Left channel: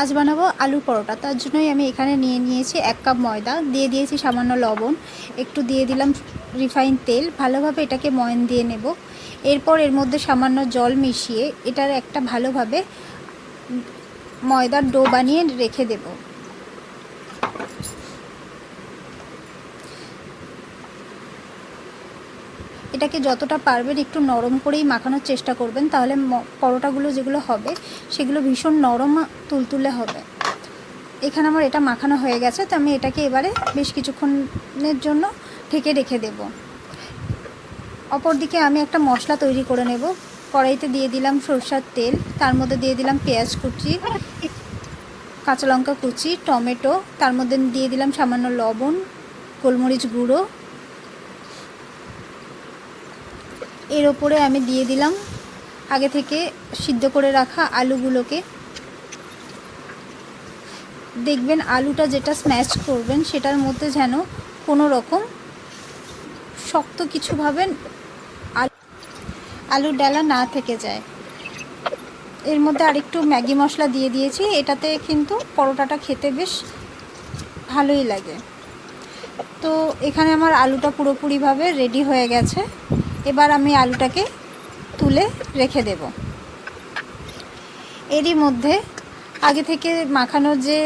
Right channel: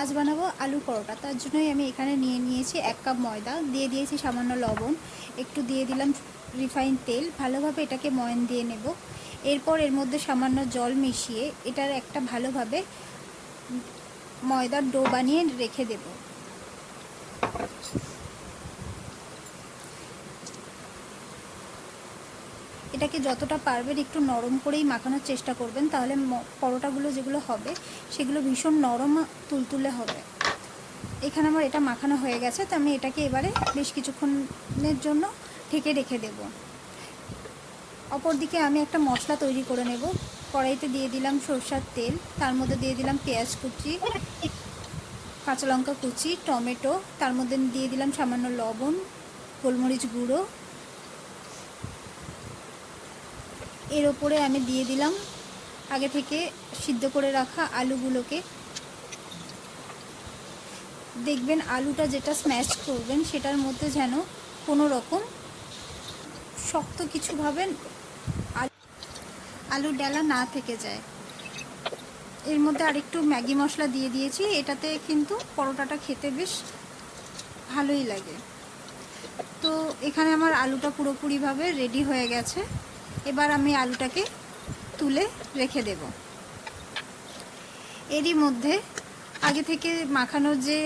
আজ বানাবো আলু পরোটা। তার জন্যই আমি এখানে নিয়ে নিয়েছি 1 কাপ ময়দা, দিয়ে দিয়েছি সামান্য লবণ, একটু দিয়ে দিলাম রিফাইন তেল। ভালোভাবে এটাকে ময়ান দিয়ে নেব। এরপর এর মধ্যে সামান্য জল মিশিয়ে এটার একটা ভালোভাবে ময়দার ডো বানিয়ে রেখে দেব। এটাকে যতটা পারবেন একটু নরম করেই মাখানোর চেষ্টা করবেন, তাহলে পরোটাগুলো যেগুলো হবে সেগুলো ভীষণ নরম তুলতুলে হবে। এখানে আমার এটা মাখানো হয়ে গেছে, তো আমি এটাকে এবারে বেশ কিছুক্ষণের জন্য ঢেকে রেখে দেব। অপরদিকে আমি একটা মশলা তৈরি করে নেব। কড়াইতে দিয়ে দিলাম সরষের তেল, তার মধ্যে দিয়ে দিলাম পেঁয়াজ কুচি, কাঁচা লঙ্কা কুচি, টমেটো, তার মধ্যে দিয়ে দিলাম সামান্য লবণ, গোলমরিচ গুঁড়ো। এর ওপরে আমি দিয়ে দিলাম আগে থেকে সিদ্ধ করে রাখা আলুগুলোকে। দেখবেন আলুটা যেটা স্ম্যাশ করবেন সেটার মধ্যে যেন কোনো রকম শক্ত কিছু ভাবেন আলুর ডালা না থেকে যায়। এর মধ্যে আরেকটু ম্যাগি মশলা দিয়ে দিয়েছি, এটাতে কিন্তু পরোটাটা খেতে বেশ ভালোই লাগে। তো এখানে আমার আলুটা পুরোপুরিভাবে রেডি হয়ে গেছে। এবার আমি আলুটাকে তুলে রেখে দেব। এরই মধ্যে আগে থেকে মাখানোর যে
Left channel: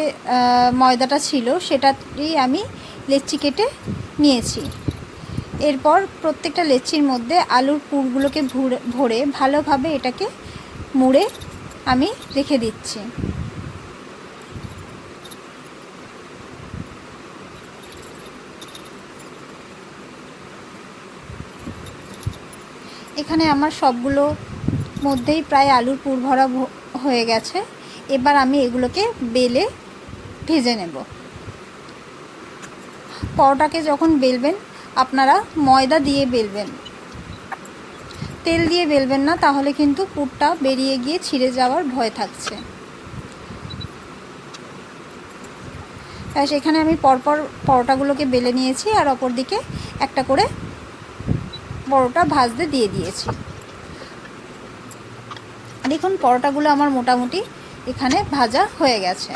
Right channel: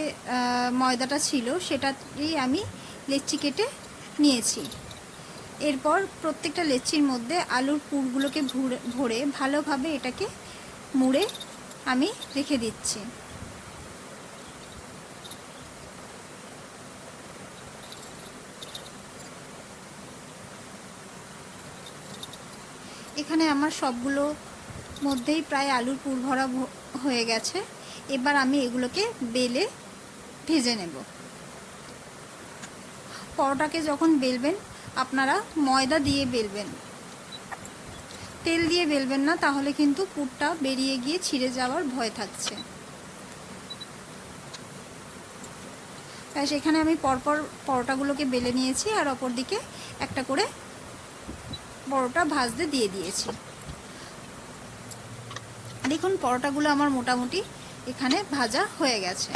ময়দাটা ছিল সেটাই আমি লেচি কেটে নিয়েছি। এরপর প্রত্যেকটা লেচির মধ্যে আলুর পুরগুলোকে ভরে ভালোভাবে এটাকে মুড়ে আমি রেখে দিচ্ছি। এখানে আমার সবগুলো মধ্যেই প্রায় আলুর পুর ভরা হয়ে গেছে। এবার আমি এগুলোকে বেলে ভেজে নেব। পরোটাকে যখন বেলবেন আপনারা ময়দা দিয়ে বেলবেন, তেল দিয়ে বেলবেন না, তাহলে কিন্তু পুরটা বেরিয়ে গিয়ে ছিঁড়ে যাওয়ার ভয় থাকছে। সেখানে আমি পরপর পরোটাগুলোকে বেলে নিয়েছি আর অপর দিকে একটা করে পরোটা ভাজতে দিয়ে দিয়েছি। দেখুন পরোটাগুলো আমার মোটামুটি এখানে ভাজা হয়ে গেছে।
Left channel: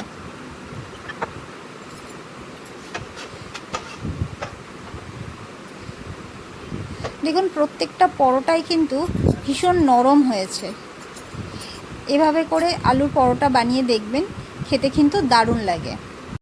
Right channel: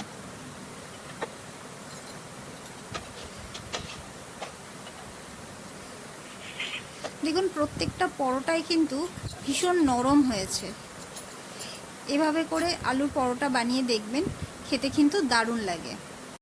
দেখুন প্রত্যেকটা পরোটাই কিন্তু ভীষণ নরম হয়েছে। এভাবে করে আলুর পরোটা বানিয়ে দেখবেন, খেতে কিন্তু দারুণ লাগে।